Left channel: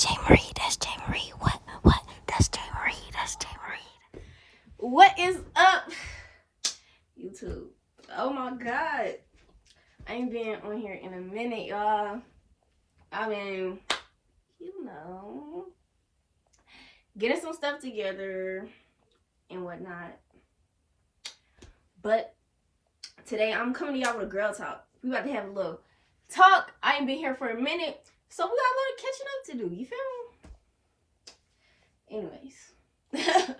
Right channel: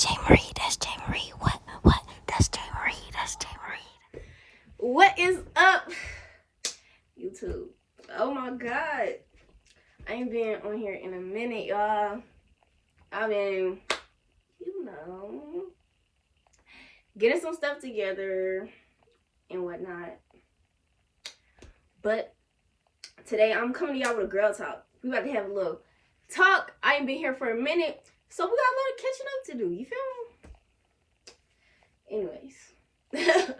jaayemari. That's jaayemari. What? That's jaayemari. That's jaayemari. What is up, YouTube? Oh my god. I ain't been on here in a minute, y'all. I've been, getting some stuff together and whatnot. But today I'm coming to y'all with a girl talk. We about to have a little talk. I ain't been here for a minute, so we got a lot of catching up to do. You feel me? Anyways,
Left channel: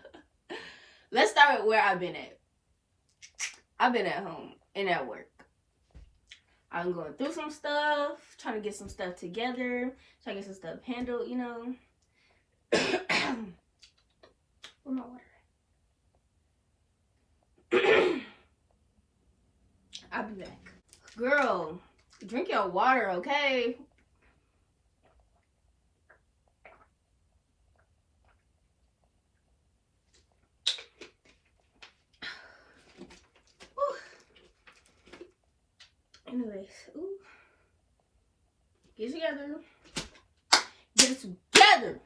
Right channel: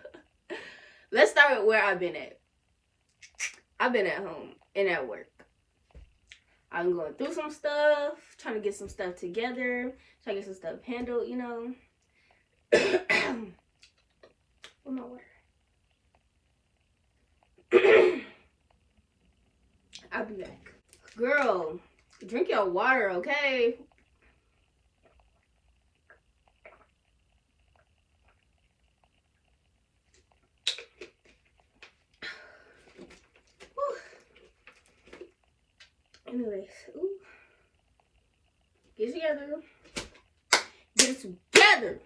let's start with where I've been at. I've been at home and at work. I'm going through some stuff, trying to get some stuff together, trying to get some stuff handled, Where my water at? I'll be back. Girl, drink your water, okay? Anyways, get it together. Get it together.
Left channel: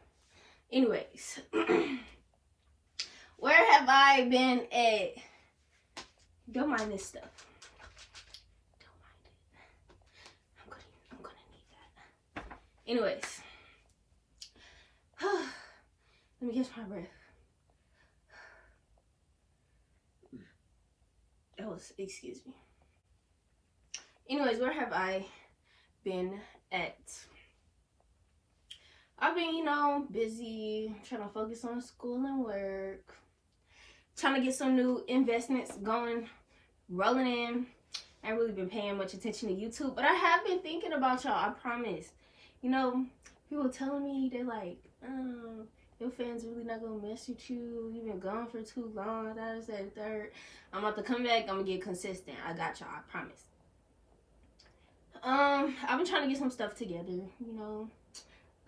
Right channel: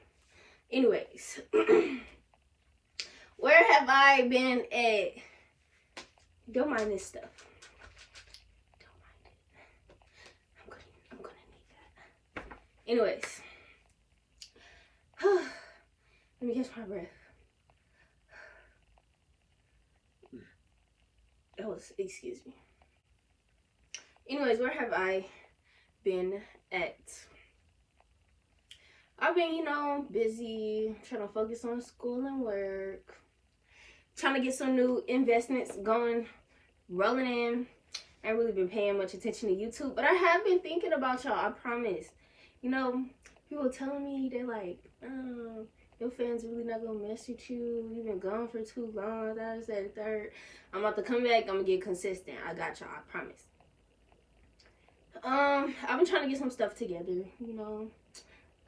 Anyways, where have I been at? Don't mind this stuff. Don't mind it. I'm gonna need that. Anyways, let me catch my breath. Excuse me. Anyways, where have I been at? I've been, busy trying to focus on school and work, trying to get some new investments going, rolling in. I ain't really been paying much attention to YouTube, but I have been thinking about y'all, I promise. People telling me they're like, your fans really not gonna mess with you. You've been gone for too long, that is that third. I'm about to come back, I'm gonna get consistent. I got y'all, I promise. I've been trying to get some stuff together,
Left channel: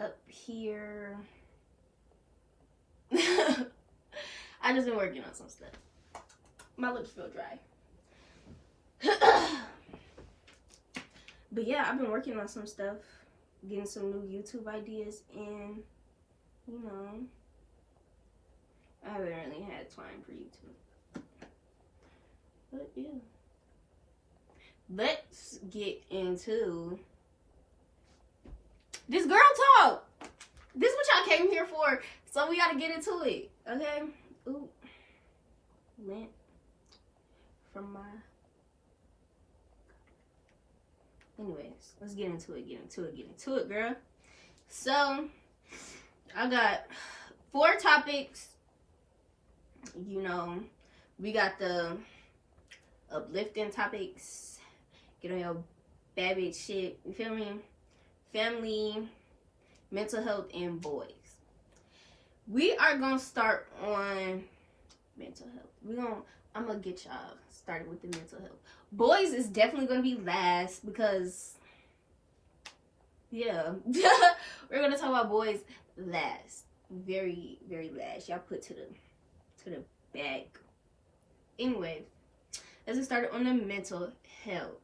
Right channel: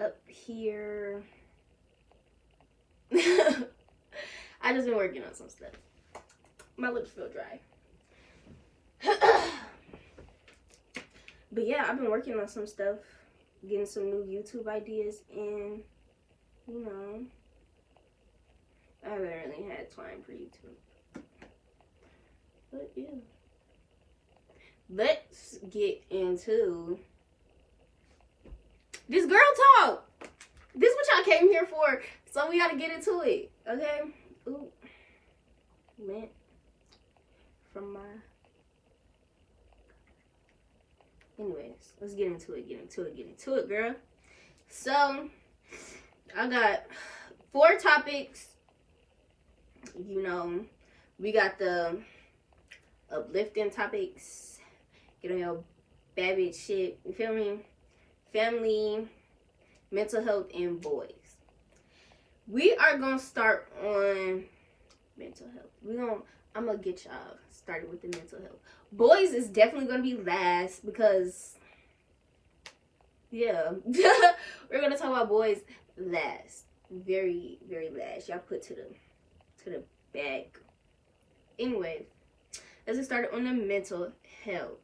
up here. I just been working on some stuff. My lips feel dry. But yeah, I've been working on some stuff, getting some new YouTube ideas, and I haven't really had time for YouTube. But yeah. Let's get into this girl talk. This is what y'all came here for, so we gotta get into it, okay? Ooh, lint from my. Anyways, let's get into it. Get into it, girl. So I got 4 topics. We got the uplifting topics. Get on your bad bitch shit, you feel me? Family, mental health, and boys. We are gonna start on mental health. I'm gonna get y'all started with the mental health. Boys is definitely gonna be last because, yeah, we're gonna talk about boys last, very, very last. Y'all put to the back. Anyways, let's get started on the mental health.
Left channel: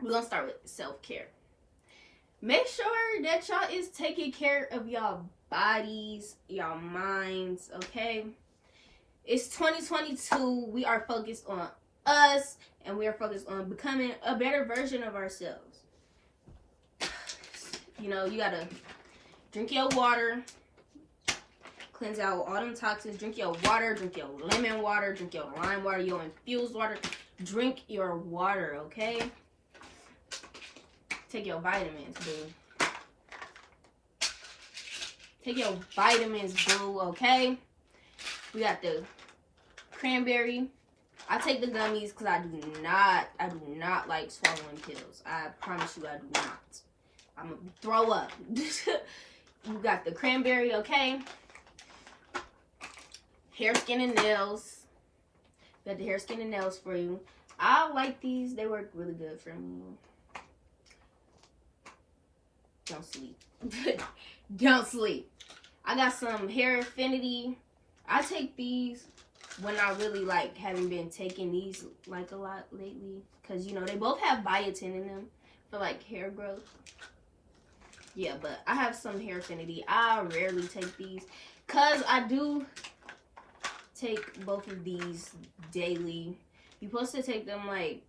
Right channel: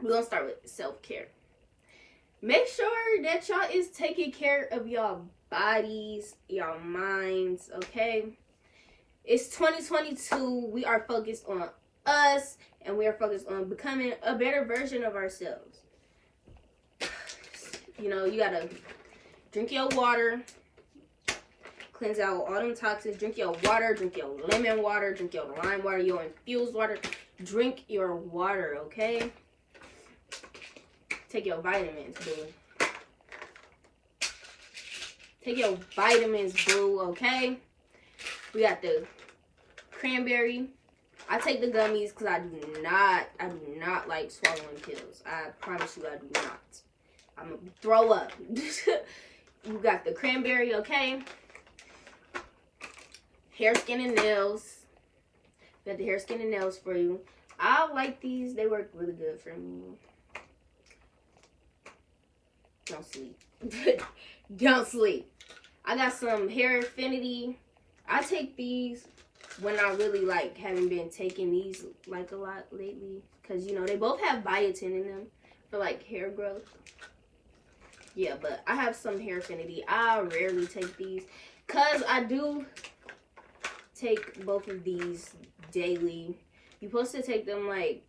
We're gonna start with self-care. Make sure that y'all is taking care of y'all bodies, y'all minds, okay? It's 2022. We are focused on us, and we are focused on becoming a better version of ourselves. You gotta drink your water, cleanse out all them toxins. Drink your water, drink your lemon water, drink your lime water, your infused water. Drink your water, okay? Take your vitamins, boo. Take your vitamins, boo, okay? We got the cranberry. I take the gummies because I do not like swallowing pills. I promise you I do not. I'm gonna throw up. You got the cranberry, okay? Hair, skin, and nails. We got the hair, skin, and nails for you. I like these. They work really good for me. Don't sleep. Don't sleep. I got some hair affinity. I take these when I really haven't been taking these a lot lately, because they both have biotin in them for hair growth. Yeah, but I have some hair affinity. I rarely take these because I do take both of these daily. You're supposed to take them like,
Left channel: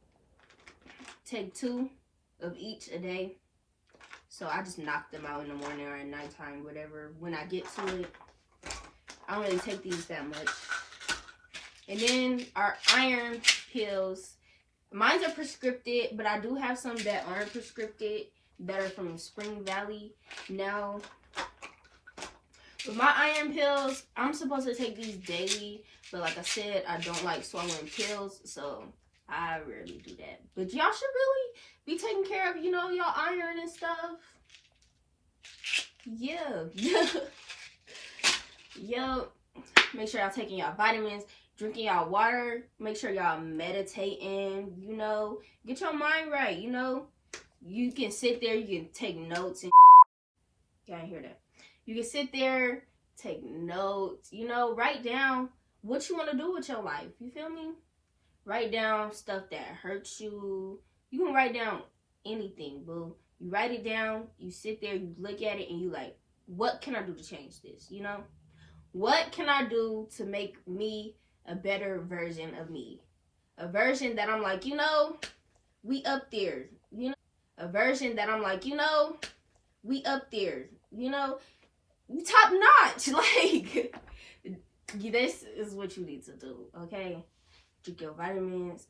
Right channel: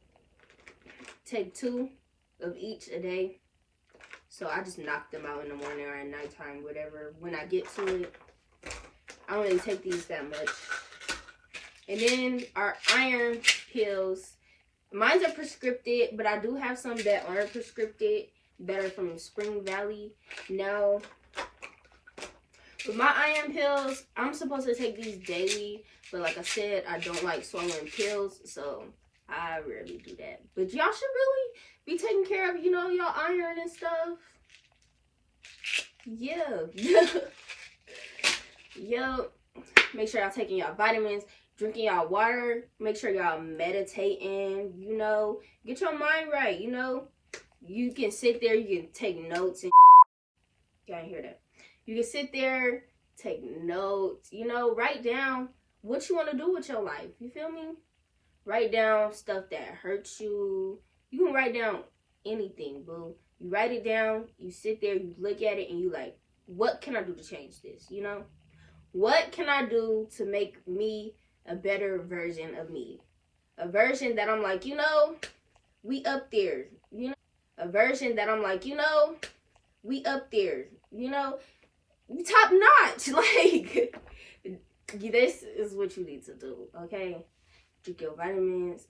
take 2 of each a day. So I just knock them out in the morning or at nighttime, whatever. When I get to it, I don't really take these that much. And then our iron pills. Mine are prescripted, but I do have some that aren't prescripted that are from Spring Valley. Now, with my iron pills, I'm supposed to take these daily, but like I said, I don't like swallowing pills, so I rarely do that. But y'all should really be taking care of, you know, y'all iron and stuff. Yeah. Yo, make sure y'all taking y'all vitamins, drinking y'all water, make sure y'all meditating, you know, get your mind right, you know. You can sit there, you can take notes and y'all ain't hear that. You can sit there, take notes, you know, write down what you want to do with your life. You feel me? Write down stuff that hurts you. You can write down anything, boo. You write it down, you sit there, you look at it, and you like, what can I do to change this, you know? What can I do to make me a better version of me? A version that I'm like, you know, we up there, you know? A version that I'm like, you know, we up there, you know? Top notch. Like, this is what you need to do, okay? Drink your vitamins.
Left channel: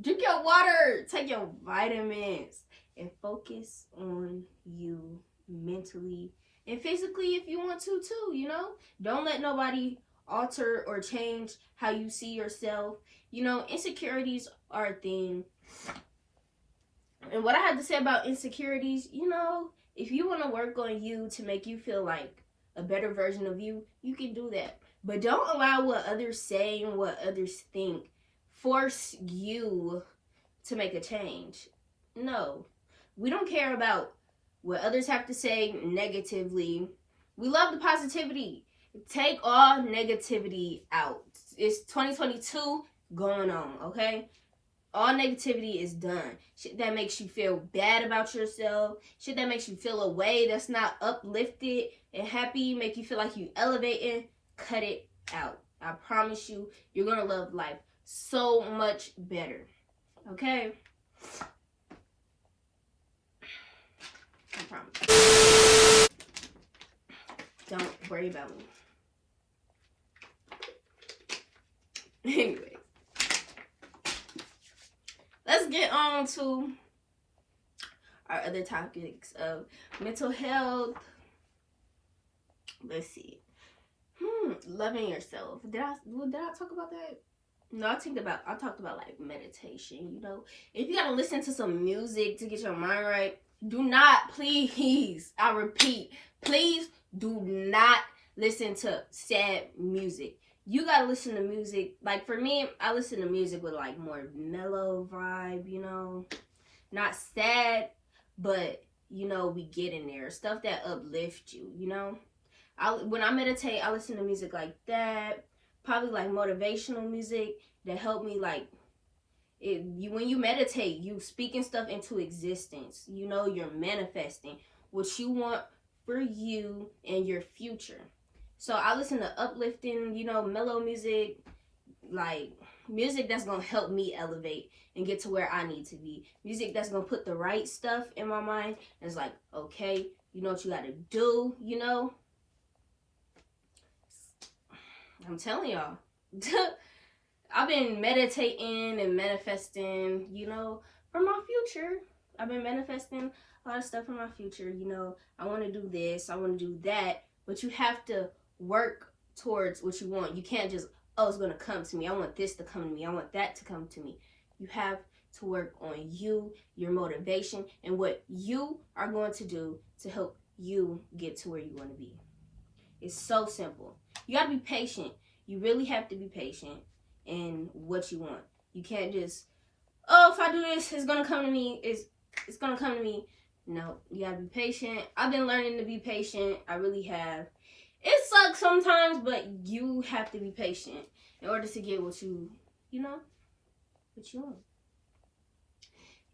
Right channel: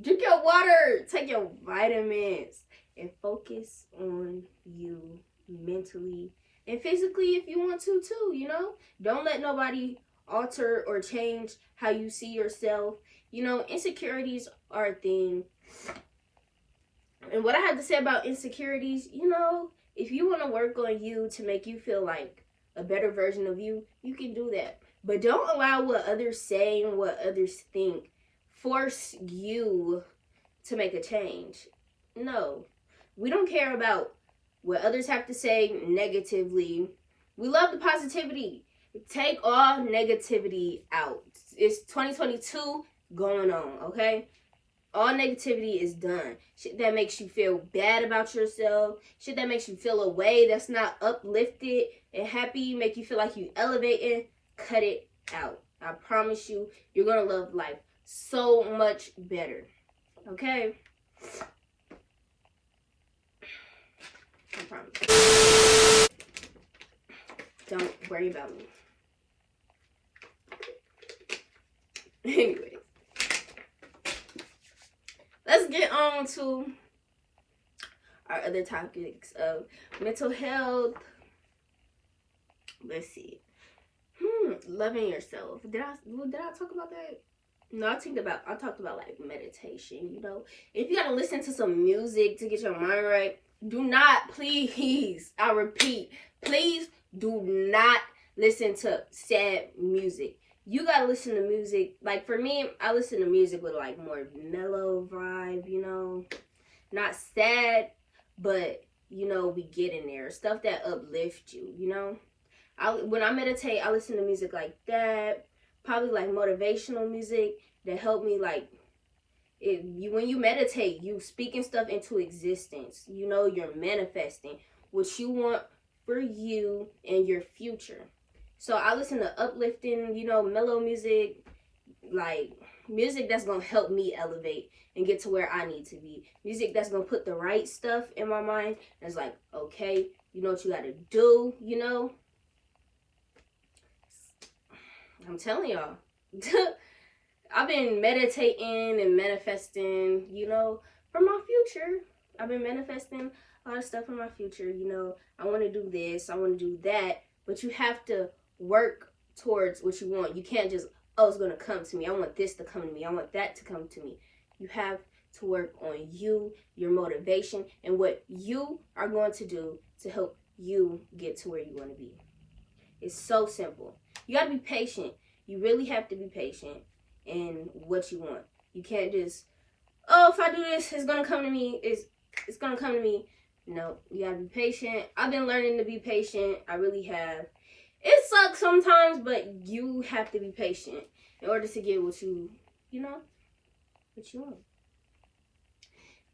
Drink your water. Take your vitamins. And focus on you mentally and physically if you want to too, you know? Don't let nobody alter or change how you see yourself. You know, insecurities are a thing. And what I have to say about insecurities, you know, if you want to work on you to make you feel like a better version of you, you can do that. But don't allow what others say and what others think force you to make a change. No. We don't care about what others have to say negatively. We love the positivity. Take all negativity out. It's 2022 going on, okay? All negativity is done. Shit that makes you feel bad about yourself. Shit that makes you feel a way that's not uplifted and happy. Make you feel like you elevating. Cut it out. I promise you, you're going to love life so much better. Okay? I promise. Don't worry about me. Anyway. Let's get on to our other topics of mental health. Let's see. Loving yourself. Did I talk about that? No, I talked about like meditation, you know. If you gotta listen to some music to get your mind right, do not, please, I repeat, please do not listen to sad music. You gotta listen to music. Like for me, I listen to music with like more mellow vibe, you know. Not sad, but you know, we get in there. Stuff that uplifts you, you know. When I meditate, I listen to music like that. Probably like motivational music that help me like when you meditate, you speaking stuff into existence. You know, you're manifesting what you want for you and your future. So I listen to uplifting, you know, mellow music, like music that's gonna help me elevate and get to where I need to be. Music that's gonna put the right stuff in my mind. That's like, okay, you know what you gotta do, you know. I'm telling y'all. I've been meditating and manifesting, you know, for my future. I've been manifesting a lot of stuff for my future, you know. I want to do this, I want to do that, but you have to work towards what you want. You can't just, oh, it's going to come to me. I want this to come to me. I want that to come to me. You have to work on you, your motivation, and what you are going to do to help you get to where you want to be. It's so simple. You got to be patient. You really have to be patient in what you want. You can't just, oh, if I do this, it's going to come to me. It's going to come to me. No, you got to be patient. I've been learning to be patient. I really have. It sucks sometimes, but you have to be patient in order to get what you know, what you want.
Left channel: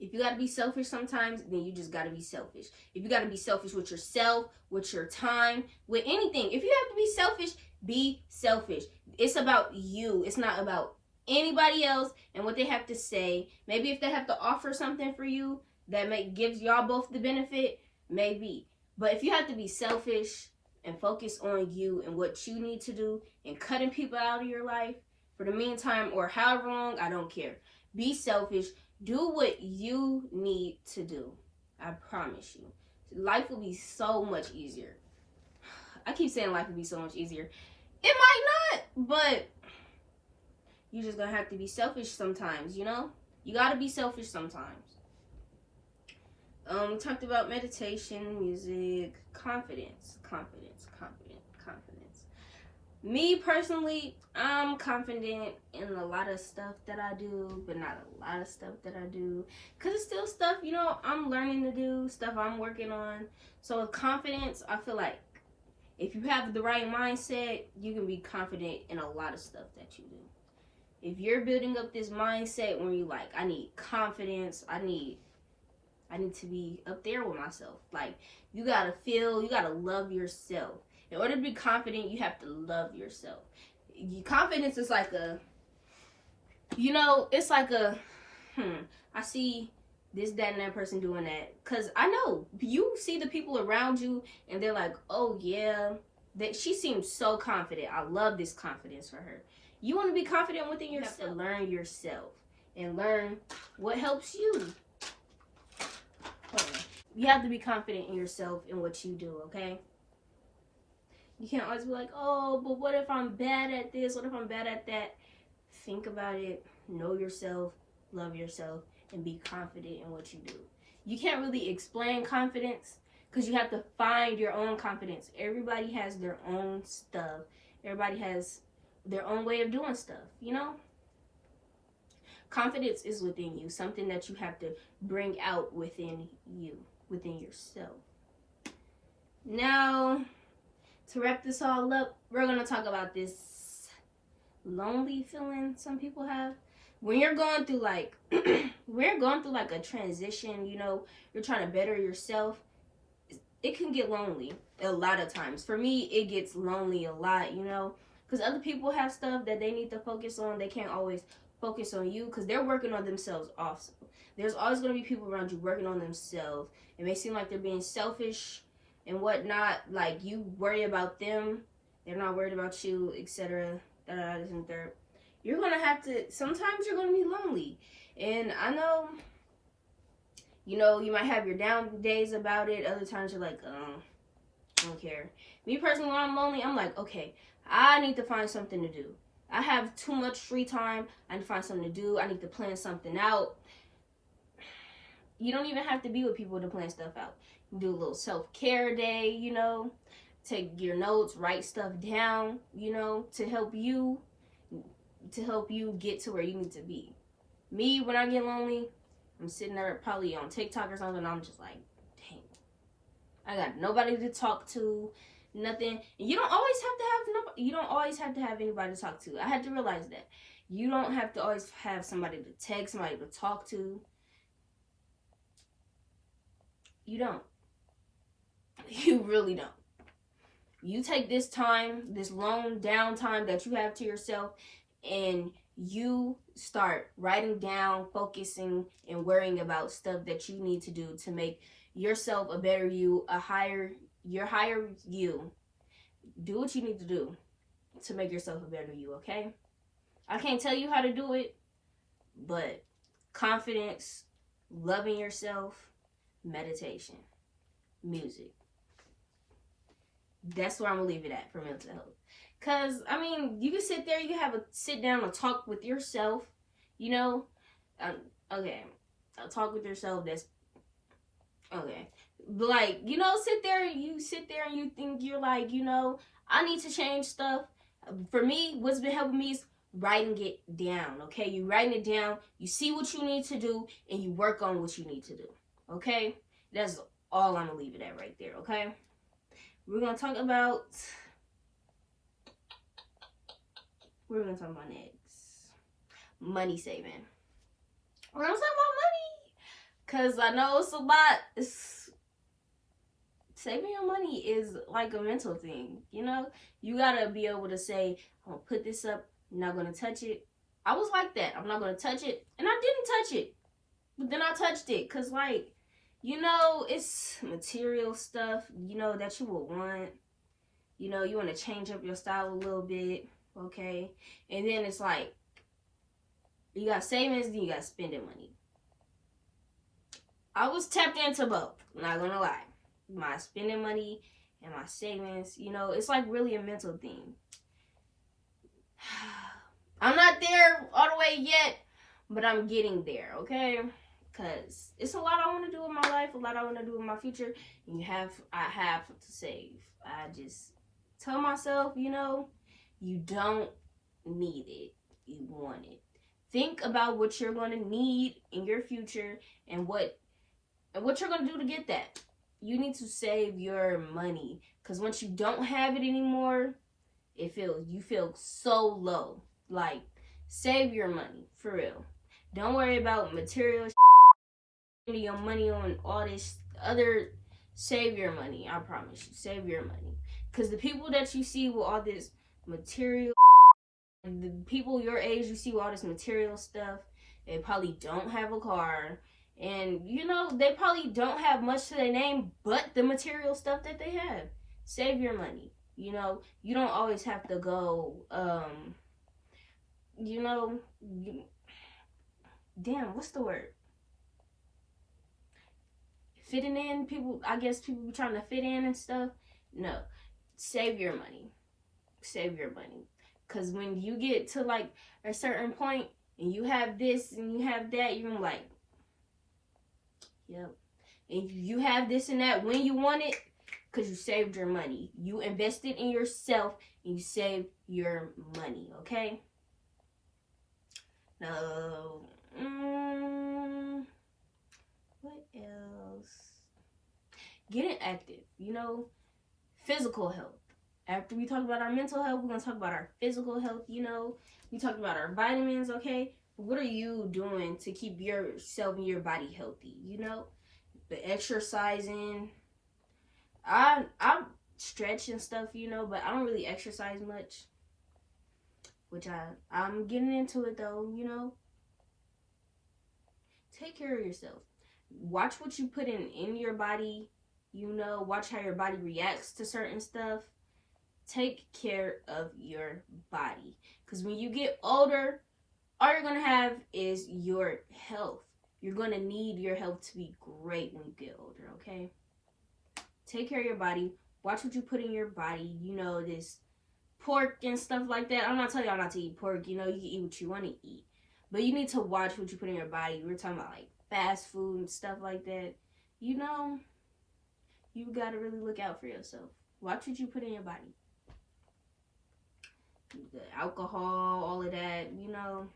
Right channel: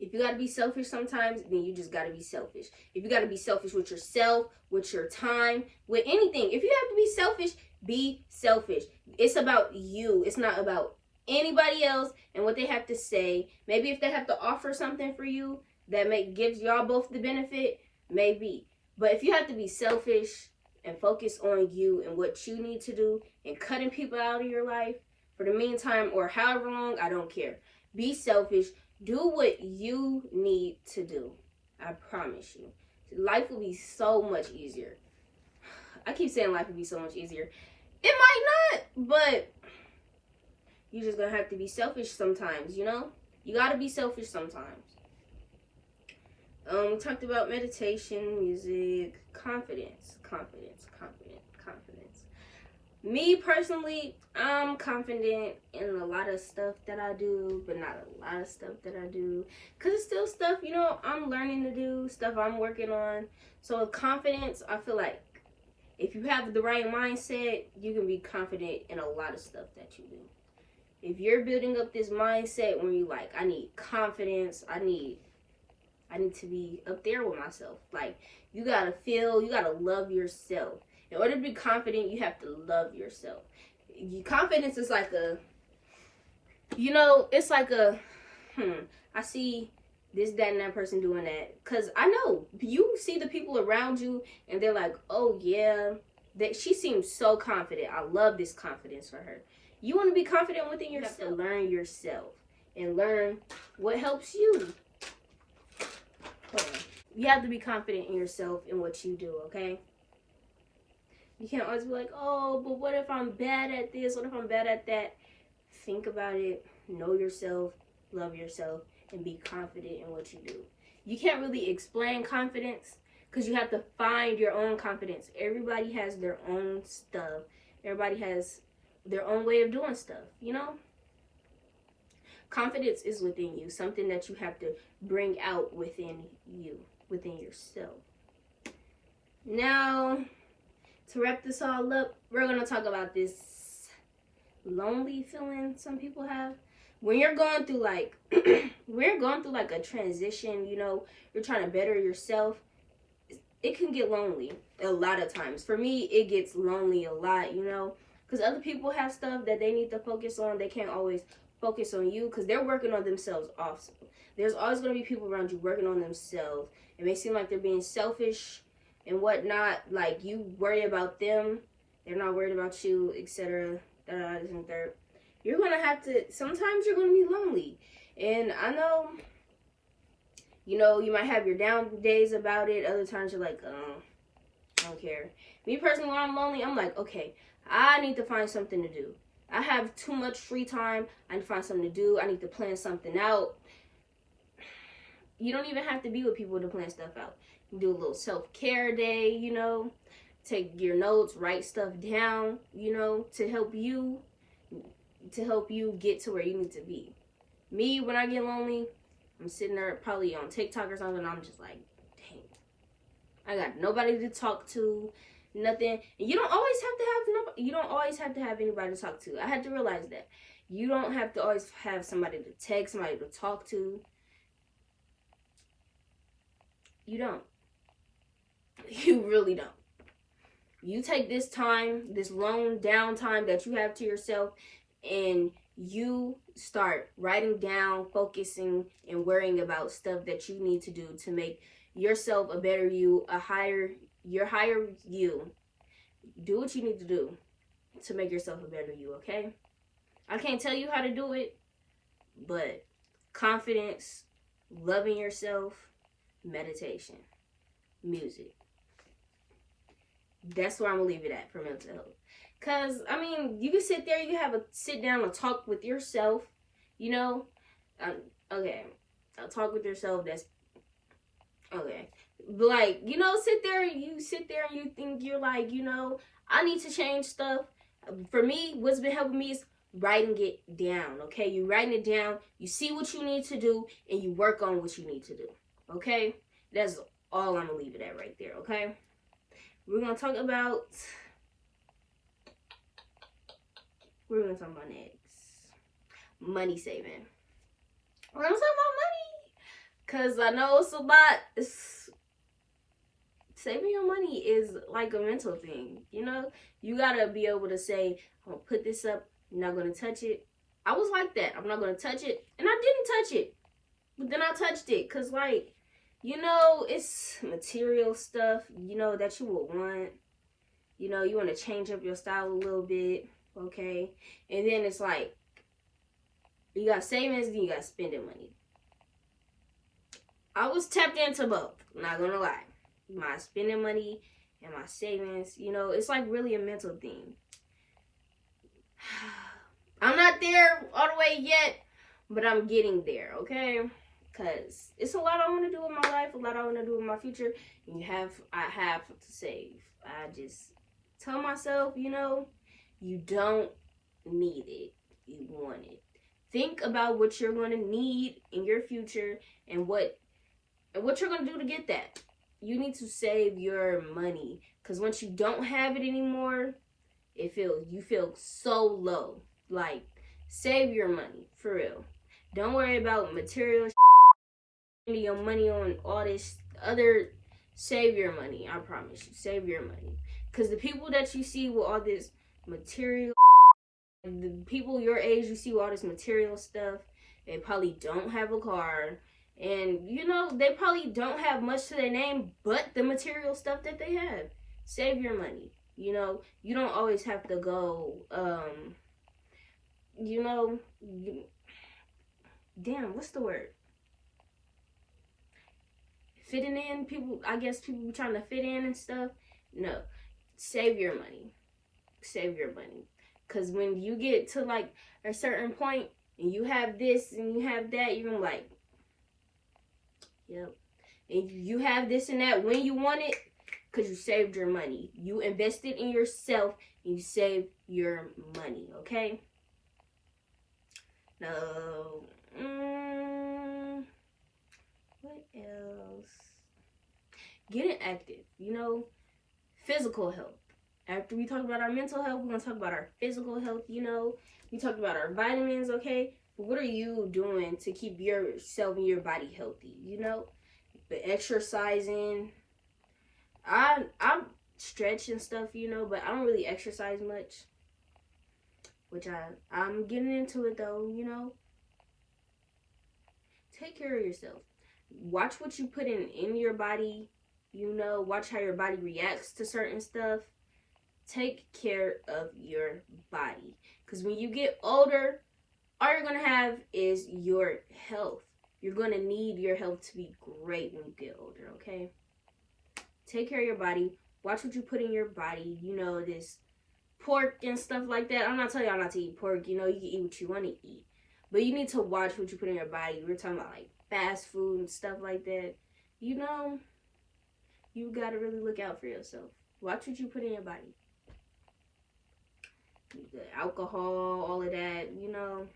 If you got to be selfish sometimes, then you just got to be selfish. If you got to be selfish with yourself, with your time, with anything, if you have to be selfish, be selfish. It's about you. It's not about anybody else and what they have to say. Maybe if they have to offer something for you that gives y'all both the benefit, maybe. But if you have to be selfish and focus on you and what you need to do and cutting people out of your life for the meantime or however long, I don't care. Be selfish. Do what you need to do. I promise you. Life will be so much easier. I keep saying life will be so much easier. It might not, but you just gonna have to be selfish sometimes, you know? You gotta be selfish sometimes. Talked about meditation, music, confidence. Me personally, I'm confident in a lot of stuff that I do, but not a lot of stuff that I do. Because it's still stuff, you know, I'm learning to do, stuff I'm working on. So with confidence, I feel like if you have the right mindset, you can be confident in a lot of stuff that you do. If you're building up this mindset when you're like, I need confidence, I need to be up there with myself. Like, you gotta love yourself. In order to be confident, you have to love yourself. Confidence is like a, you know, it's like a, I see this, that, and that person doing that. Because I know, you see the people around you, and they're like, oh, yeah, she seems so confident. I love this confidence for her. You want to be confident within yourself. You have to learn yourself and learn what helps you. You have to be confident in yourself and what you do, okay? You can't always be like, oh, but what if I'm bad at this? What if I'm bad at that? Think about it. Know yourself. Love yourself. And be confident in what you do. You can't really explain confidence because you have to find your own confidence. Everybody has their own stuff. Everybody has their own way of doing stuff, you know? Confidence is within you. Something that you have to bring out within you, within yourself. Now, to wrap this all up, we're going to talk about this lonely feeling some people have. When you're going through like, a transition, you know, you're trying to better yourself, it can get lonely a lot of times. For me, it gets lonely a lot, you know, because other people have stuff that they need to focus on. They can't always focus on you because they're working on themselves also. There's always going to be people around you working on themselves. It may seem like they're being selfish and whatnot, like you worry about them, they're not worried about you, etc. You're gonna have to, sometimes you're gonna be lonely. And I know, you know, you might have your down days about it, other times you're like, I don't care. Me personally, when I'm lonely, I'm like, okay, I need to find something to do. I have too much free time, I need to find something to do, I need to plan something out. You don't even have to be with people to plan stuff out. Do a little self-care day, you know, take your notes, write stuff down, you know, to help you get to where you need to be. Me, when I get lonely, I'm sitting there probably on TikTok or something, and I'm just like, dang, I got nobody to talk to, nothing. And you don't always have to have anybody to talk to. I had to realize that. You don't have to always have somebody to text, somebody to talk to. You don't. You really don't. You take this time, this long downtime that you have to yourself, and you start writing down, focusing, and worrying about stuff that you need to do to make yourself a better you, your higher you. Do what you need to do to make yourself a better you, okay? I can't tell you how to do it, but confidence, loving yourself, meditation, music. That's where I'm gonna leave it at for mental health. Cause I mean, you can sit there, you can have a sit down and talk with yourself, you know. Okay, I'll talk with yourself. That's okay, but like, you know, you sit there and you think, you're like, you know, I need to change stuff. For me, what's been helping me is writing it down. Okay, you writing it down, you see what you need to do, and you work on what you need to do. Okay, that's all I'm gonna leave it at right there. Okay. We're going to talk about next. Money saving. We're going to talk about money. Cause I know it's a lot. Saving your money is like a mental thing, you know? You gotta be able to say, I'm gonna put this up, I'm not gonna touch it. I was like that. I'm not gonna touch it. And I didn't touch it. But then I touched it. Cause like, you know, it's material stuff, you know, that you will want. You know, you want to change up your style a little bit, okay? And then it's like, you got savings, then you got spending money. I was tapped into both, not gonna lie. My spending money and my savings, you know, it's like really a mental thing. I'm not there all the way yet, but I'm getting there, okay? Because it's a lot I want to do in my life, a lot I want to do in my future, and I have to save. I just tell myself, you know, you don't need it, you want it. Think about what you're going to need in your future and what you're going to do to get that. You need to save your money, because once you don't have it anymore, you feel so low. Like, save your money for real. Don't worry about material spending your money on all this other. Save your money. I promise you, save your money. Because the people that you see with all this material, the people your age you see with all this material stuff, they probably don't have a car, and you know, they probably don't have much to their name but the material stuff that they have. Save your money. You know, you don't always have to go you know, damn, what's the word, fitting in. People, I guess people be trying to fit in and stuff. No, save your money. Save your money. Because when you get to like a certain point and you have this and you have that, you're like, yep. And you have this and that when you want it, because you saved your money. You invested in yourself and you saved your money, okay? Now, what else? Getting active, you know, physical health. After we talk about our mental health, we're going to talk about our physical health, you know. We talked about our vitamins, okay? But what are you doing to keep yourself and your body healthy, you know? The exercising. I stretch and stuff, you know, but I don't really exercise much. Which I'm getting into it, though, you know. Take care of yourself. Watch what you put in your body, you know. Watch how your body reacts to certain stuff. Take care of your body. Because when you get older, all you're going to have is your health. You're going to need your health to be great when you get older, okay? Take care of your body. Watch what you put in your body. You know, this pork and stuff like that. I'm not telling y'all not to eat pork. You know, you can eat what you want to eat. But you need to watch what you put in your body. We're talking about, like, fast food and stuff like that. You know, you got to really look out for yourself. Watch what you put in your body. The alcohol, all of that, you know.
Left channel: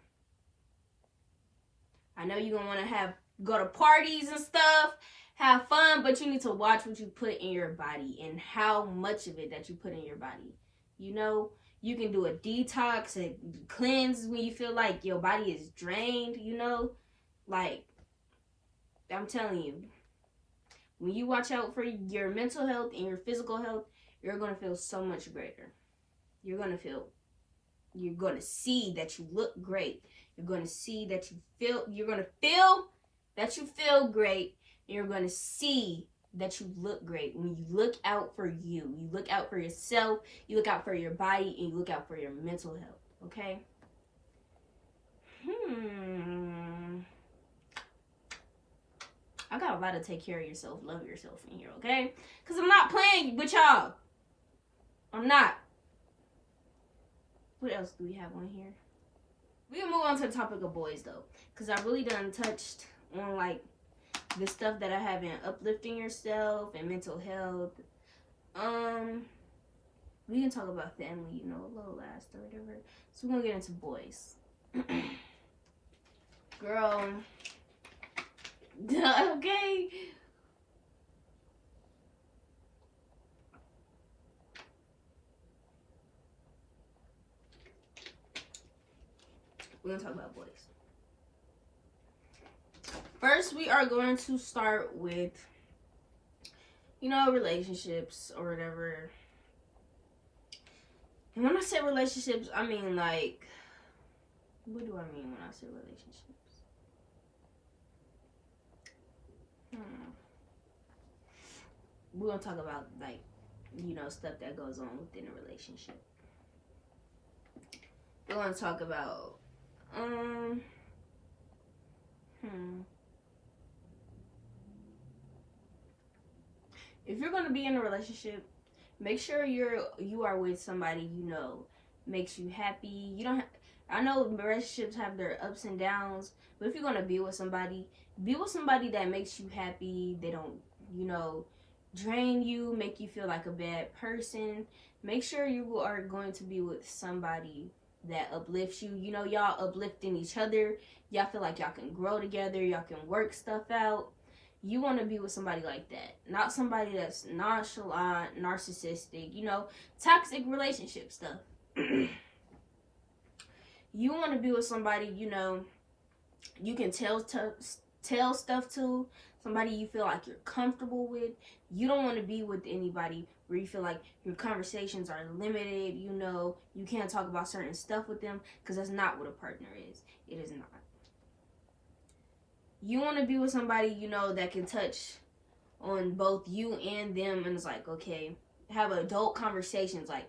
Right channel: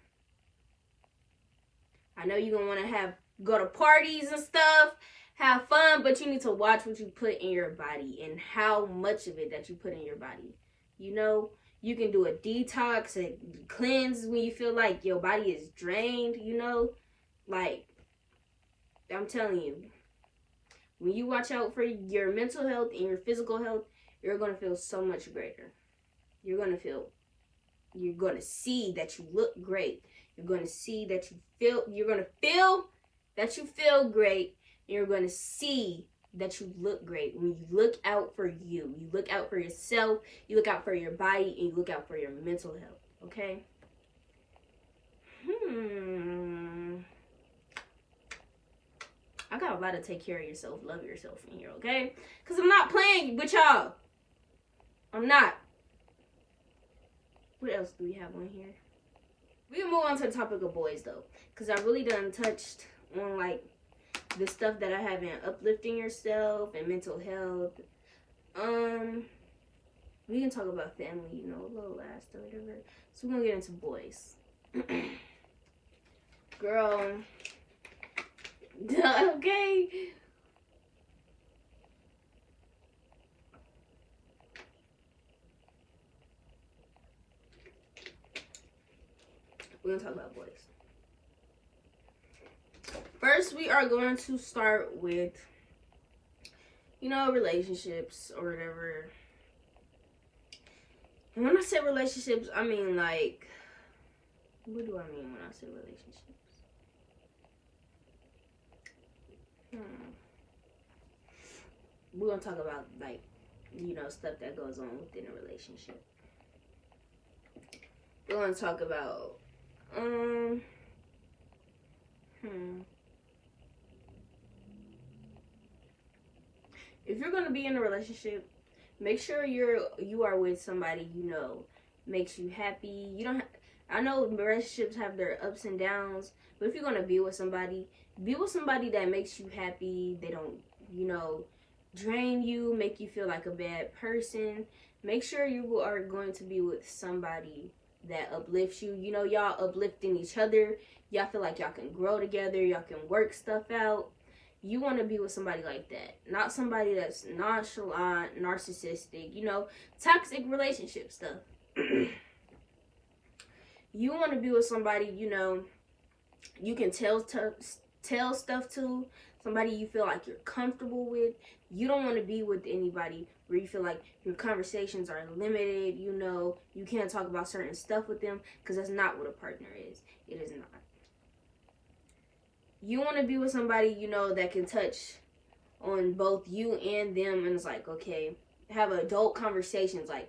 I know you're going to want to go to parties and stuff, have fun, but you need to watch what you put in your body and how much of it that you put in your body. You know, you can do a detox and cleanse when you feel like your body is drained, you know. Like, I'm telling you, when you watch out for your mental health and your physical health, you're going to feel so much greater. You're going to see that you look great. You're going to see that you're going to feel that you feel great. And you're going to see that you look great when you look out for you. You look out for yourself. You look out for your body. And you look out for your mental health. Okay? I got a lot of take care of yourself, love yourself in here, okay? Because I'm not playing with y'all. I'm not. What else do we have on here? We can move on to the topic of boys, though. Because I really done touched on, like, the stuff that I have in uplifting yourself and mental health. We can talk about family, you know, a little last or whatever. So we're going to get into boys. Girl. Okay. We're going to talk about boys. First, we are going to start with, relationships or whatever. And when I say relationships, I mean like, what do I mean when I say relationships? We're gonna talk about like, stuff that goes on within a relationship. We're gonna talk about if you're gonna be in a relationship, make sure you are with somebody makes you happy. You don't. I know relationships have their ups and downs, but if you're gonna be with somebody that makes you happy. They don't, drain you, make you feel like a bad person. Make sure you are going to be with somebody that uplifts you. Y'all uplifting each other. Y'all feel like y'all can grow together. Y'all can work stuff out. You want to be with somebody like that, not somebody that's nonchalant, narcissistic, toxic relationship stuff. You want to be with somebody, you can tell stuff to, somebody you feel like you're comfortable with. You don't want to be with anybody where you feel like your conversations are limited, you can't talk about certain stuff with them, because that's not what a partner is. It is not. You want to be with somebody, that can touch on both you and them, and it's like, okay, have adult conversations, like,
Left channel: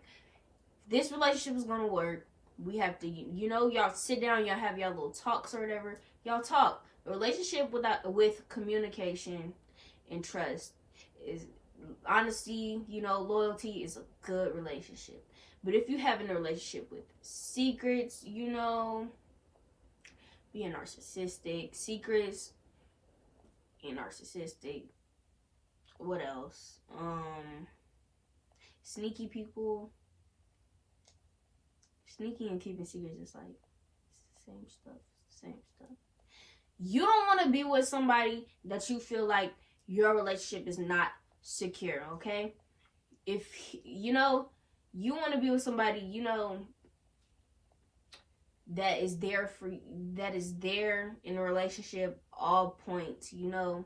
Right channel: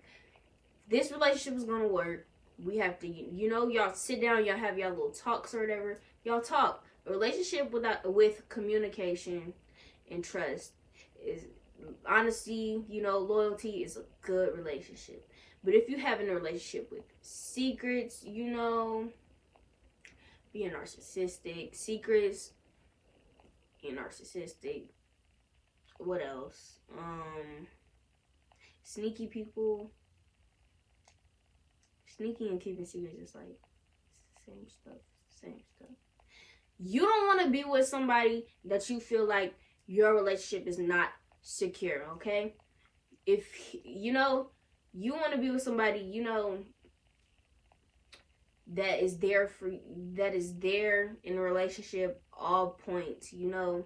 this relationship is going to work. We have to, y'all sit down, y'all have y'all little talks or whatever. Y'all talk. A relationship with communication and trust is honesty, loyalty is a good relationship. But if you have in a relationship with secrets, being narcissistic, secrets and narcissistic, what else? Sneaky people. Sneaky and keeping secrets is like same stuff. You don't want to be with somebody that you feel like your relationship is not secure, okay? If, you want to be with somebody, that is there in a relationship, all points, What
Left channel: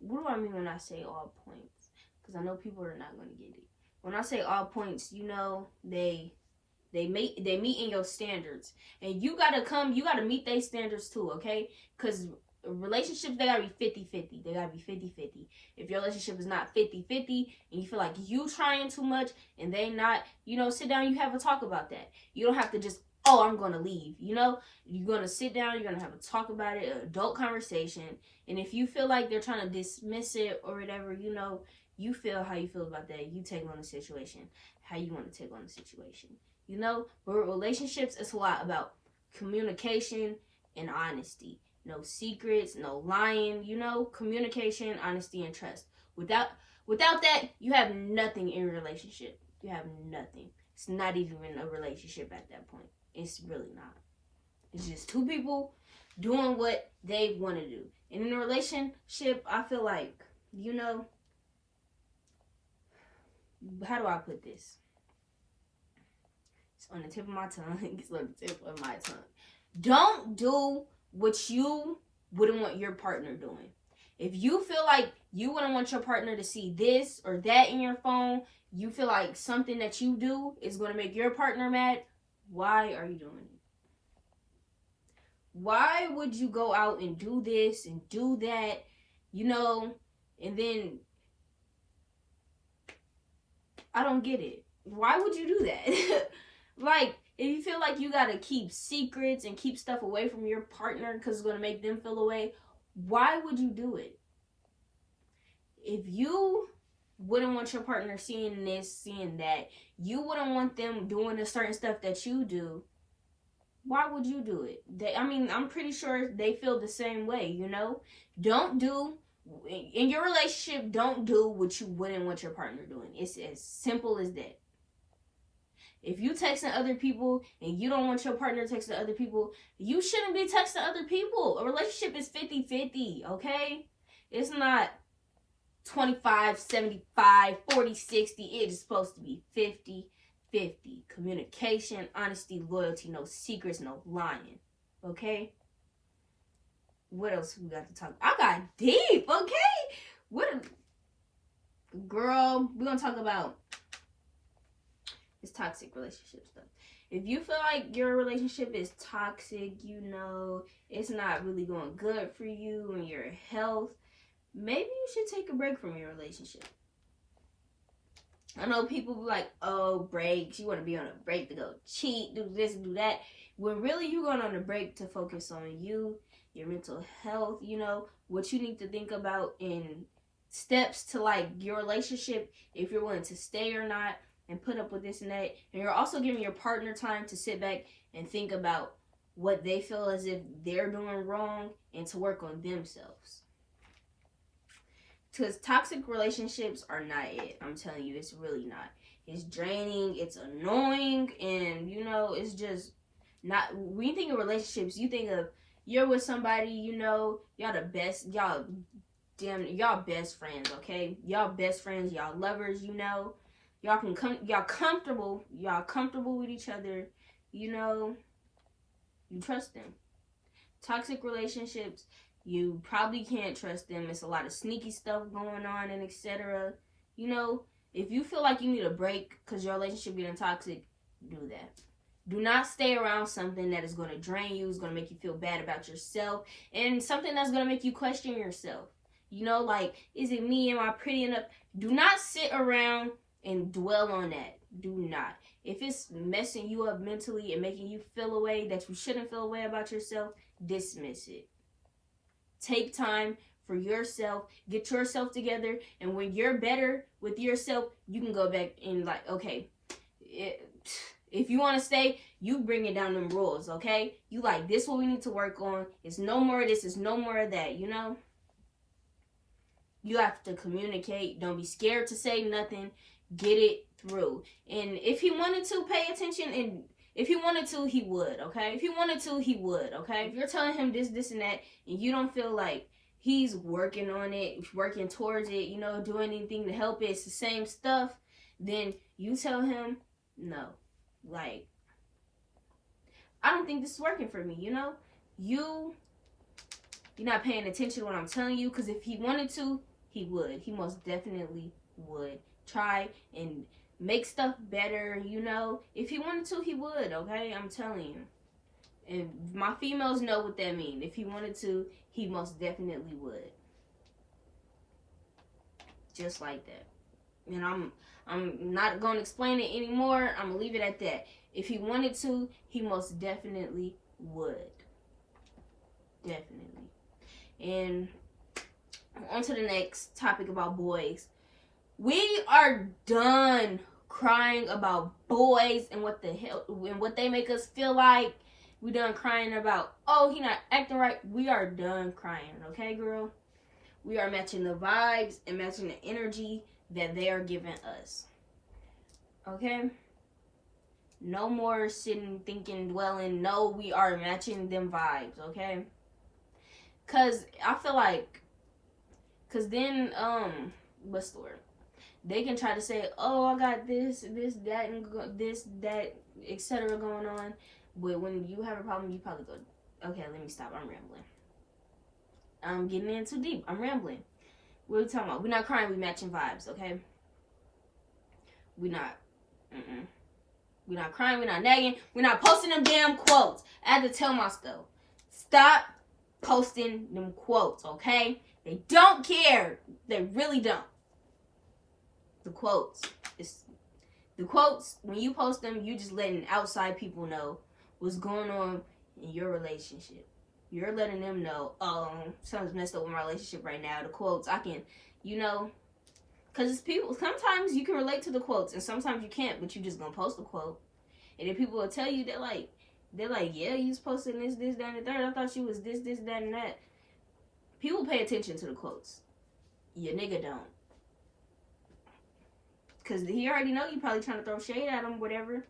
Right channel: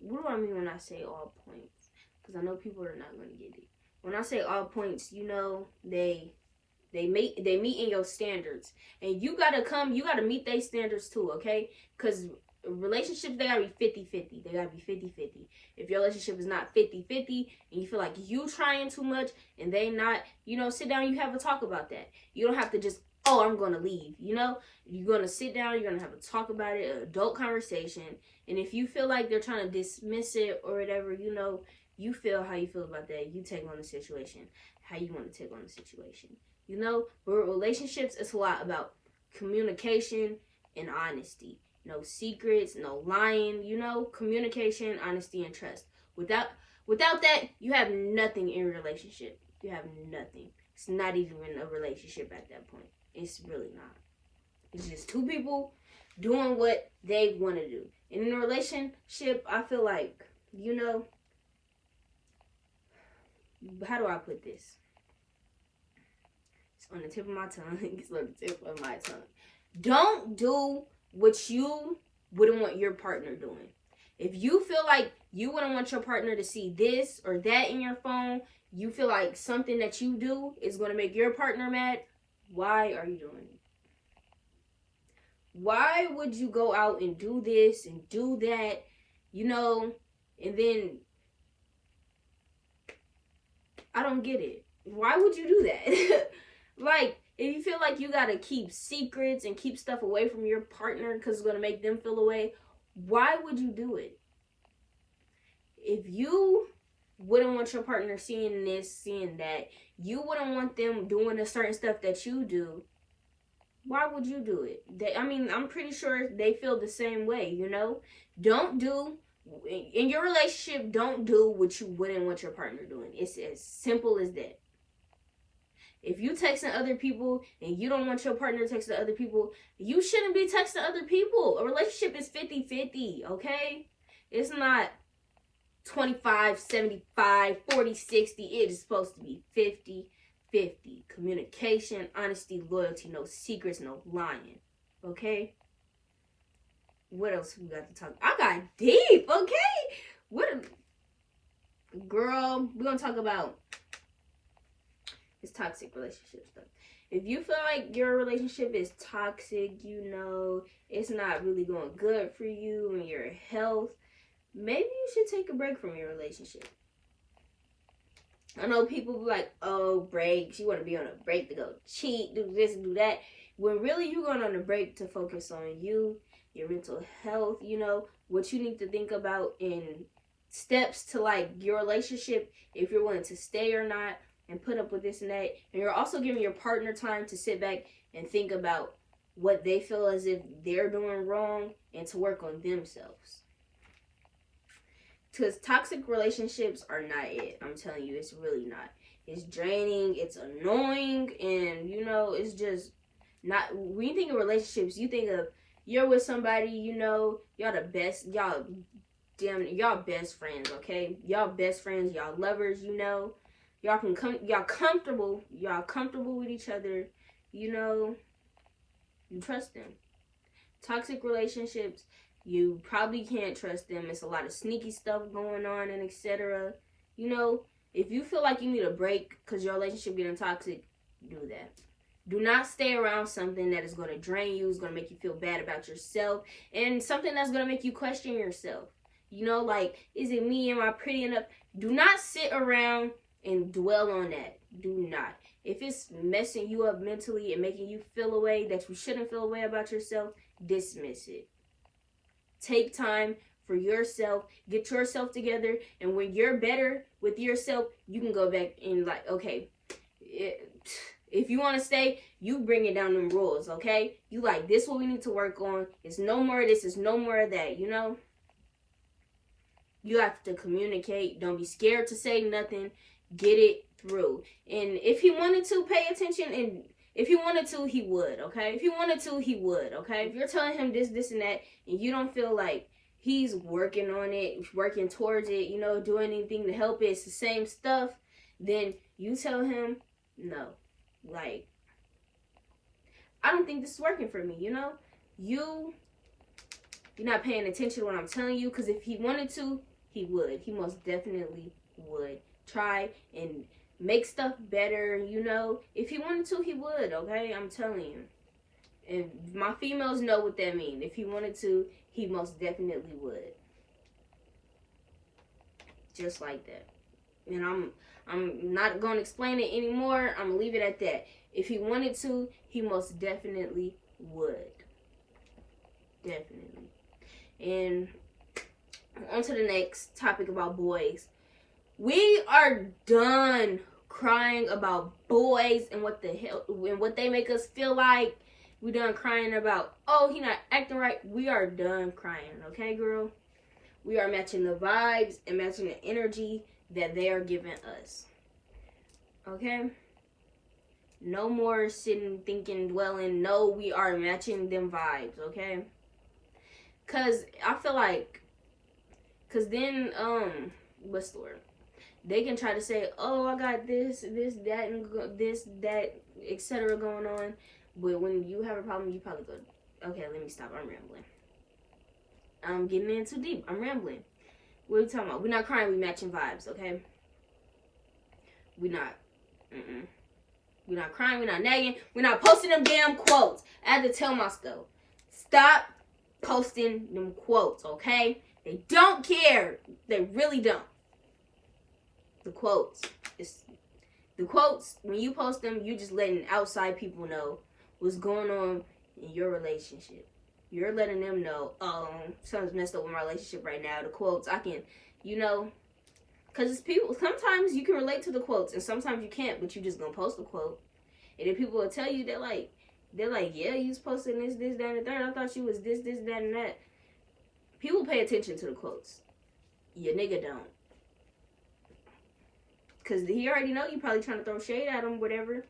do I mean when I say all points? Because I know people are not going to get it. When I say all points, they meet in your standards, and you gotta meet their standards too, okay? Because relationships, they gotta be 50-50. They gotta be 50-50. If your relationship is not 50-50 and you feel like you trying too much and they not, sit down, you have a talk about that. You don't have to just, oh, I'm gonna leave. You're gonna sit down, you're gonna have a talk about it, an adult conversation. And if you feel like they're trying to dismiss it or whatever, you feel how you feel about that. You take on the situation how you want to take on the situation. But relationships, it's a lot about communication and honesty. No secrets, no lying, communication, honesty, and trust. Without that, you have nothing in a relationship. You have nothing. It's not even a relationship at that point. It's really not. It's just two people doing what they want to do. And in a relationship, I feel like, how do I put this? It's on the tip of my tongue. It's on the tip of my tongue. Don't do what you wouldn't want your partner doing. If you feel like you wouldn't want your partner to see this or that in your phone, you feel like something that you do is going to make your partner mad, why are you doing it? Why would you go out and do this and do that, and then, I don't get it. Why would you do that? Like, if you feel like you got to keep secrets and keep stuff away from your partner because it's going to make them feel away, why would you do it? If you wouldn't want your partner seeing this, seeing that, you wouldn't want them doing the certain stuff that you do, why would you do it? I'm pretty sure they feel the same way, Don't do, in your relationship, don't do what you wouldn't want your partner doing. It's as simple as that. If you texting other people and you don't want your partner texting other people, you shouldn't be texting other people. A relationship is 50-50, okay? It's not 25, 75, 40, 60. It is supposed to be 50-50. Communication, honesty, loyalty, no secrets, no lying, okay? What else we got to talk? I got deep, okay? What a girl. We're gonna talk about this toxic relationship stuff. If you feel like your relationship is toxic, it's not really going good for you and your health, maybe you should take a break from your relationship. I know people be like, oh, breaks. You want to be on a break to go cheat, do this, do that. When really you're going on a break to focus on you, your mental health, what you need to think about in steps to like your relationship, if you're willing to stay or not, and put up with this and that. And you're also giving your partner time to sit back and think about what they feel as if they're doing wrong and to work on themselves. Because toxic relationships are not it. I'm telling you, it's really not. It's draining, it's annoying, and it's just not. When you think of relationships, you think of you're with somebody, y'all the best, y'all best friends, okay? Y'all best friends, y'all lovers, y'all can come, y'all comfortable with each other, you trust them. Toxic relationships, you probably can't trust them. It's a lot of sneaky stuff going on and etc. If you feel like you need a break because your relationship getting toxic, do that. Do not stay around something that is going to drain you, is going to make you feel bad about yourself, and something that's going to make you question yourself. Like, is it me? Am I pretty enough? Do not sit around and dwell on that. Do not. If it's messing you up mentally and making you feel a way that you shouldn't feel a way about yourself, dismiss it. Take time for yourself. Get yourself together. And when you're better with yourself, you can go back and like, okay, if you want to stay, you bring it down them rules, okay? You like, this what we need to work on. It's no more of this. It's no more of that, You have to communicate. Don't be scared to say nothing. Get it through. And if he wanted to pay attention, and if he wanted to, he would, okay? If he wanted to, he would, okay? If you're telling him this, and that, and you don't feel like he's working on it, working towards it, doing anything to help it, it's the same stuff, then you tell him, no. Like, I don't think this is working for me, You're not paying attention to what I'm telling you, because if he wanted to, he would. He most definitely would. Try and make stuff better, If he wanted to, he would, okay? I'm telling you. And my females know what that means. If he wanted to, he most definitely would. Just like that. And I'm not going to explain it anymore. I'm going to leave it at that. If he wanted to, he most definitely would. Definitely. And on to the next topic about boys. We are done crying about boys and what the hell and what they make us feel like. We done crying about, oh, he not acting right. We are done crying, okay, girl? We are matching the vibes and matching the energy that they are giving us. Okay? No more sitting, thinking, dwelling. No, we are matching them vibes, okay? Cause I feel like, cause then, what's the word? They can try to say, oh, I got this, that, and this, that, etc. going on. But when you have a problem, you probably go, okay, let me stop. I'm rambling. I'm getting in too deep. I'm rambling. What are we talking about? We're not crying. We matching vibes, okay? We're not. We're not crying. We're not nagging. We're not posting them damn quotes. I had to tell myself, stop posting them quotes, okay? They don't care. They really don't. The quotes. The quotes, when you post them, you're just letting outside people know what's going on in your relationship. You're letting them know, oh, something's messed up with my relationship right now. The quotes, I can, because it's people, sometimes you can relate to the quotes and sometimes you can't, but you're just going to post a quote. And then people will tell you, they're like, yeah, you was posting this, that, and the third. I thought you was this, that, and that. People pay attention to the quotes. Your nigga don't. Because he already know you probably trying to throw shade at him, whatever.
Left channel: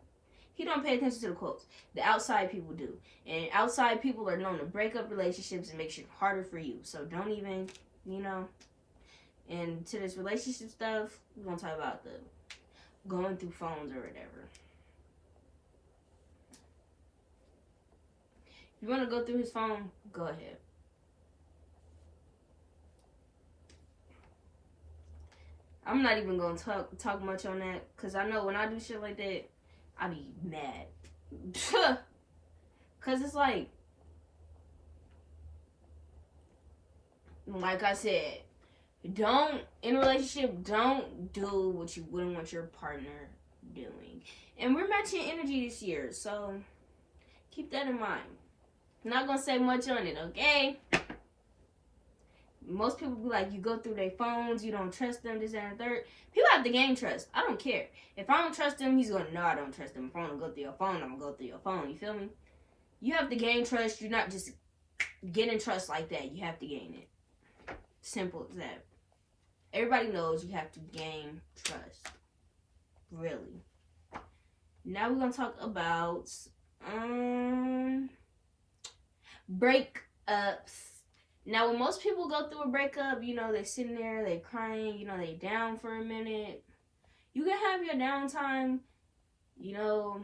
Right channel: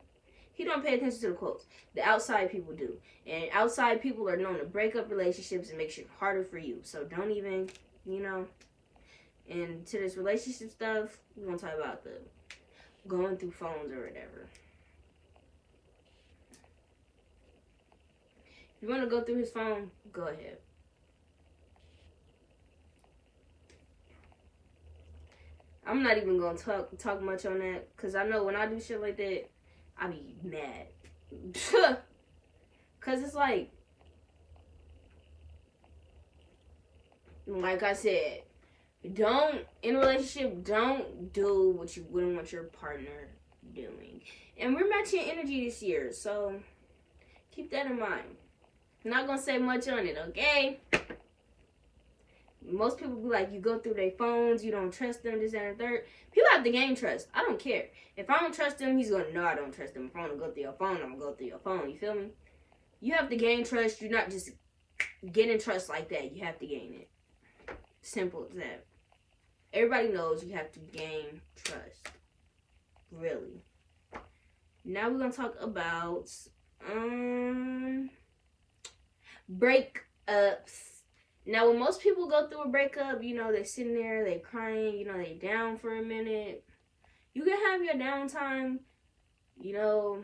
He don't pay attention to the quotes. The outside people do. And outside people are known to break up relationships and make shit harder for you. So don't even, And to this relationship stuff, we're going to talk about the going through phones or whatever. If you want to go through his phone, go ahead. I'm not even gonna talk much on that, because I know when I do shit like that, I be mad. Because it's like I said, in a relationship, don't do what you wouldn't want your partner doing. And we're matching energy this year, so keep that in mind. I'm not gonna say much on it, okay? Most people be like, you go through their phones, you don't trust them, this, and the third. People have to gain trust. I don't care. If I don't trust him, he's gonna know I don't trust him. If I want to go through your phone, I'm gonna go through your phone. You feel me? You have to gain trust. You're not just getting trust like that. You have to gain it. Simple as that. Everybody knows you have to gain trust. Really. Now we're gonna talk about breakups. Now, when most people go through a breakup, you know, they're sitting there, they're crying, you know, they down for a minute. You can have your downtime. You know,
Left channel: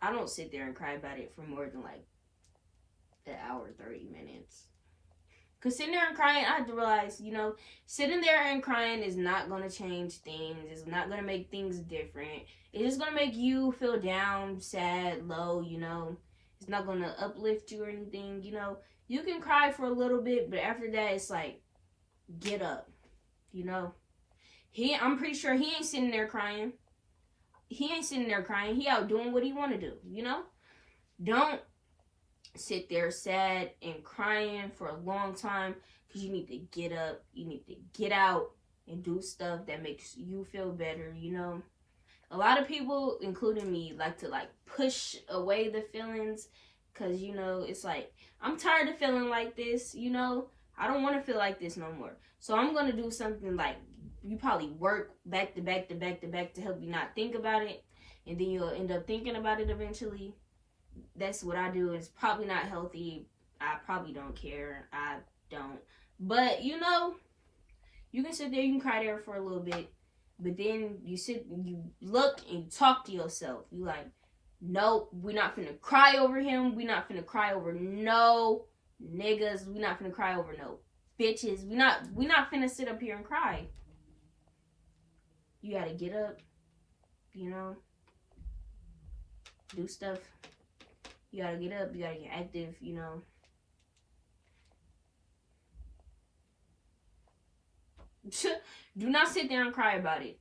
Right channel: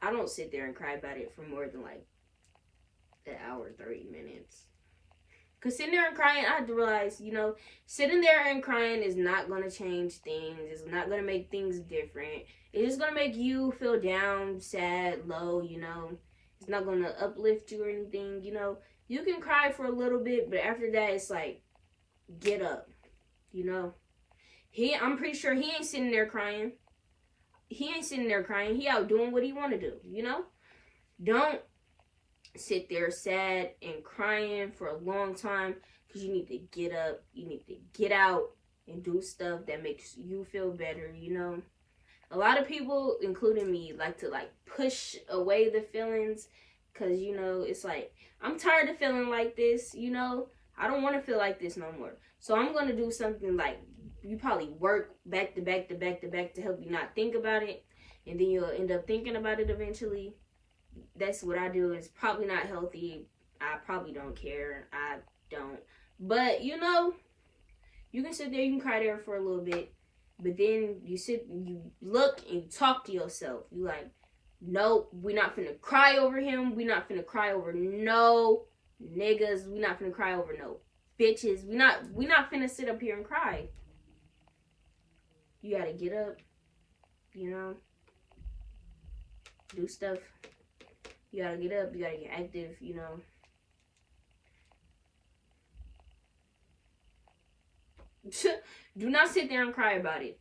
I don't sit there and cry about it for more than like an hour, 30 minutes. Because sitting there and crying, I had to realize, you know, sitting there and crying is not going to change things. It's not going to make things different. It's just going to make you feel down, sad, low, you know. It's not going to uplift you or anything, you know. You can cry for a little bit, but after that, it's like, get up, you know. I'm pretty sure he ain't sitting there crying. He ain't sitting there crying. He out doing what he want to do, you know. Don't sit there sad and crying for a long time, because you need to get up. You need to get out and do stuff that makes you feel better, you know. A lot of people, including me, like to like push away the feelings, because, you know, it's like, I'm tired of feeling like this, you know. I don't want to feel like this no more. So I'm going to do something like, you probably work back to back to back to back to help you not think about it. And then you'll end up thinking about it eventually. That's what I do. It's probably not healthy. I probably don't care. I don't. But, you know, you can sit there, you can cry there for a little bit. But then you look and you talk to yourself. You like, nope, we're not finna cry over him. We're not finna cry over no niggas. We're not finna cry over no bitches. We're not finna sit up here and cry. You gotta get up, you know, do stuff. You gotta get up, you gotta get active, you know. Do not sit there and cry about it.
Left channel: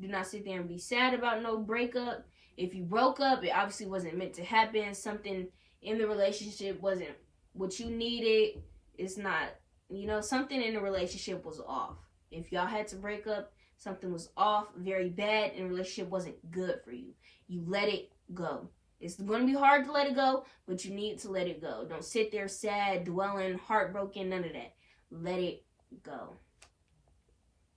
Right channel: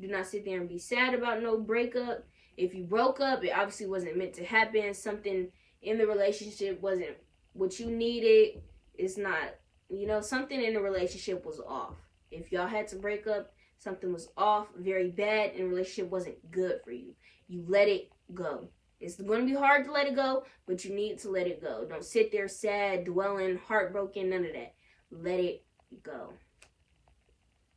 Do not sit there and be sad about no breakup. If you broke up, it obviously wasn't meant to happen. Something in the relationship wasn't what you needed. It's not, you know, something in the relationship was off. If y'all had to break up, something was off, very bad, and the relationship wasn't good for you. You let it go. It's going to be hard to let it go, but you need to let it go. Don't sit there sad, dwelling, heartbroken, none of that. Let it go.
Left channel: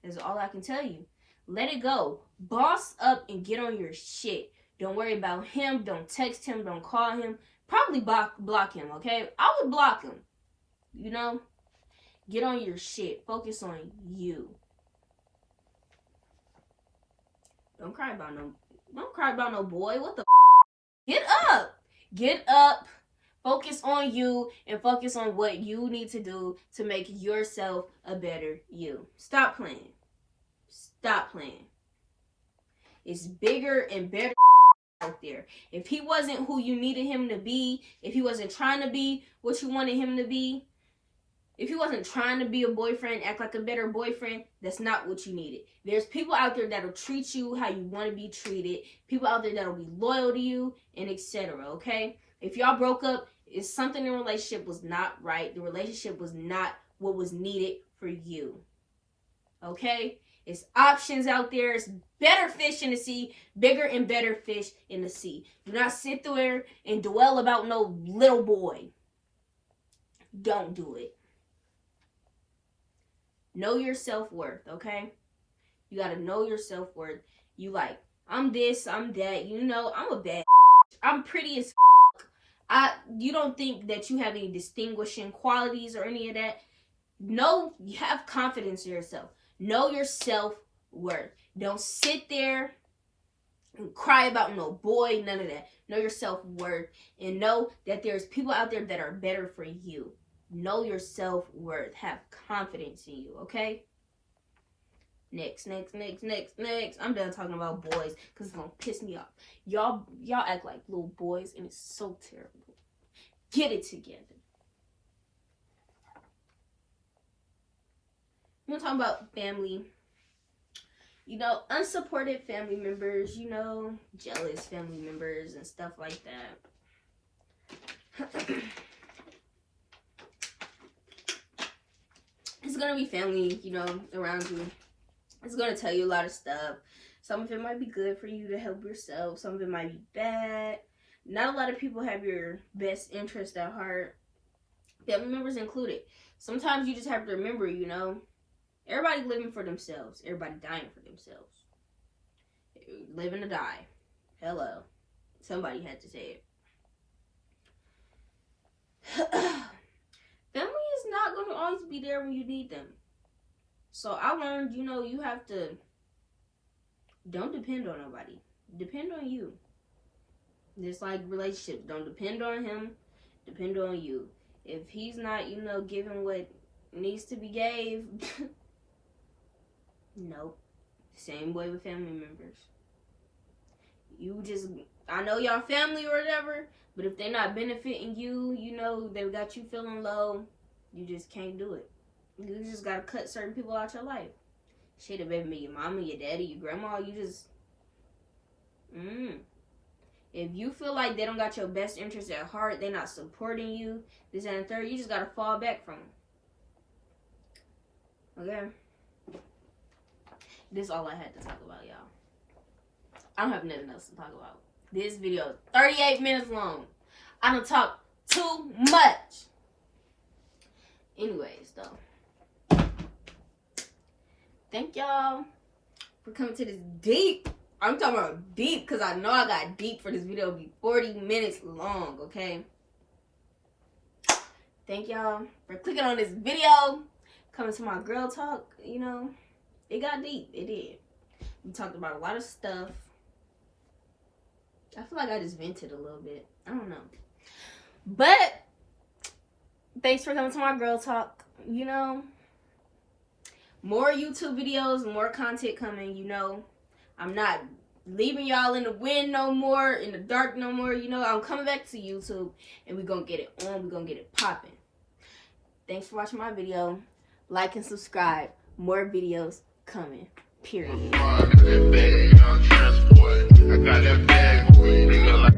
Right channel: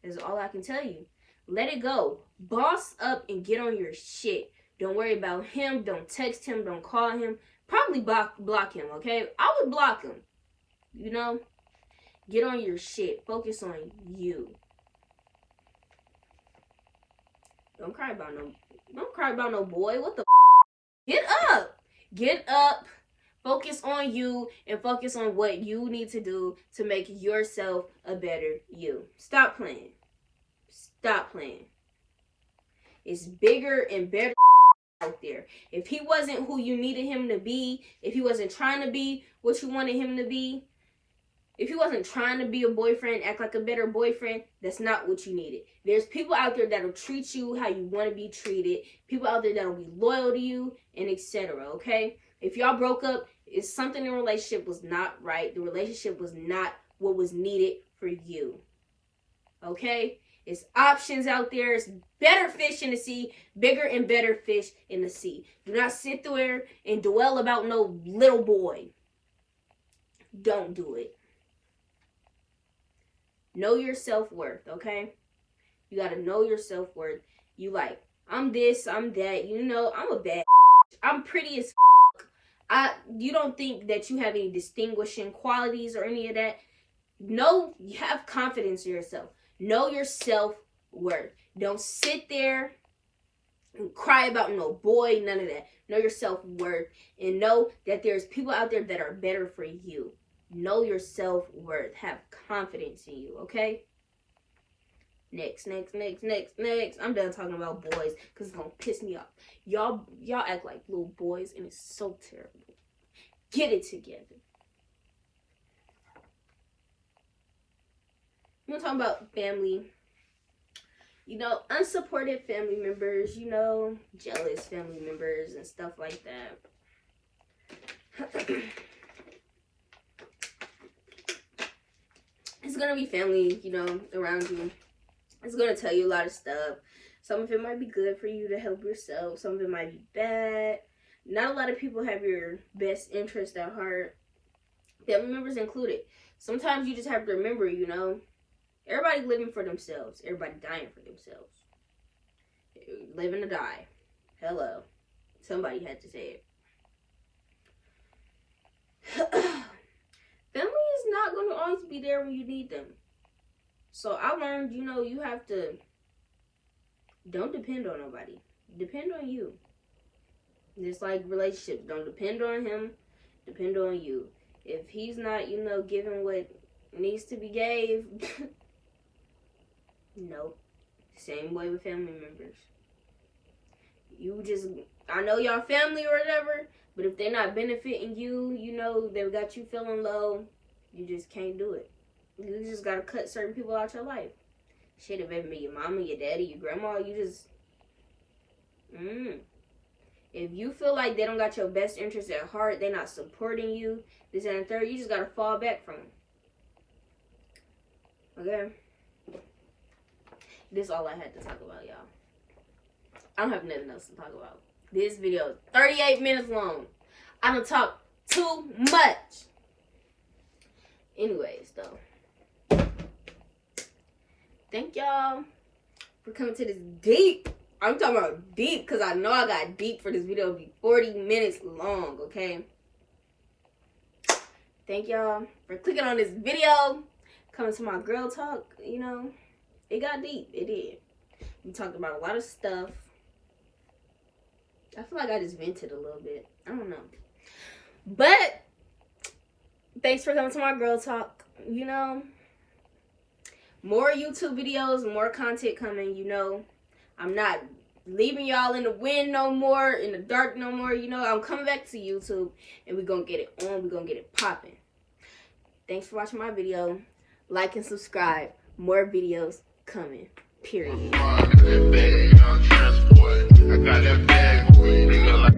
That's all I can tell you. Let it go. Boss up and get on your shit. Don't worry about him. Don't text him. Don't call him. Probably block him, okay? I would block him. You know? Get on your shit. Focus on you. Don't cry about no boy. What the Get up. Get up. Focus on you and focus on what you need to do to make yourself a better you. Stop playing. Stop playing. It's bigger and better out there. If he wasn't who you needed him to be, if he wasn't trying to be what you wanted him to be, if he wasn't trying to be a boyfriend, act like a better boyfriend, that's not what you needed. There's people out there that'll treat you how you want to be treated. People out there that'll be loyal to you, and etc. Okay? If y'all broke up, it's something in the relationship was not right. The relationship was not what was needed for you. Okay? It's options out there. It's better fish in the sea. Bigger and better fish in the sea. Do not sit there and dwell about no little boy. Don't do it. Know your self-worth, okay? You gotta know your self-worth. You like, I'm this, I'm that. You know, I'm a bad I'm pretty as you don't think that you have any distinguishing qualities or any of that. No, you have confidence in yourself. Know your self-worth. Don't sit there and cry about no boy, none of that. Know your self-worth and know that there's people out there that are better for you. Know your self-worth. Have confidence in you, okay? Next. I'm done talking about boys because it's gonna piss me off. Y'all act like little boys and it's so terrible. Get it together. I'm talking about family. You know, unsupported family members, you know, jealous family members and stuff like that. It's gonna be family, you know, around you. It's gonna tell you a lot of stuff. Some of it might be good for you to help yourself. Some of it might be bad. Not a lot of people have your best interest at heart. Family members included. Sometimes you just have to remember, you know, everybody living for themselves. Everybody dying for themselves. Living to die. Hello. Somebody had to say it. Family is not going to always be there when you need them. So I learned, you know, you have to, don't depend on nobody. Depend on you. Just like relationships. Don't depend on him. Depend on you. If he's not, you know, giving what needs to be gave, nope. Same way with family members. You just, I know y'all family or whatever, but if they're not benefiting you, you know, they got you feeling low, you just can't do it. You just gotta cut certain people out your life. Shit, if it be your mama, your daddy, your grandma, you just, If you feel like they don't got your best interest at heart, they're not supporting you, this and the third, you just gotta fall back from them. Okay? This is all I had to talk about, y'all. I don't have nothing else to talk about. This video is 38 minutes long. I don't talk too much. Anyways, though. Thank y'all for coming to this deep. I'm talking about deep because I know I got deep for this video. It'll be 40 minutes long, okay? Thank y'all for clicking on this video. Coming to my girl talk, you know. It got deep. It did. We talked about a lot of stuff. I feel like I just vented a little bit. I don't know. But thanks for coming to my girl talk. You know, more YouTube videos, more content coming. You know, I'm not leaving y'all in the wind no more, in the dark no more. You know, I'm coming back to YouTube and we're going to get it on. We're going to get it popping. Thanks for watching my video. Like and subscribe. More videos coming. Period. I got that bag,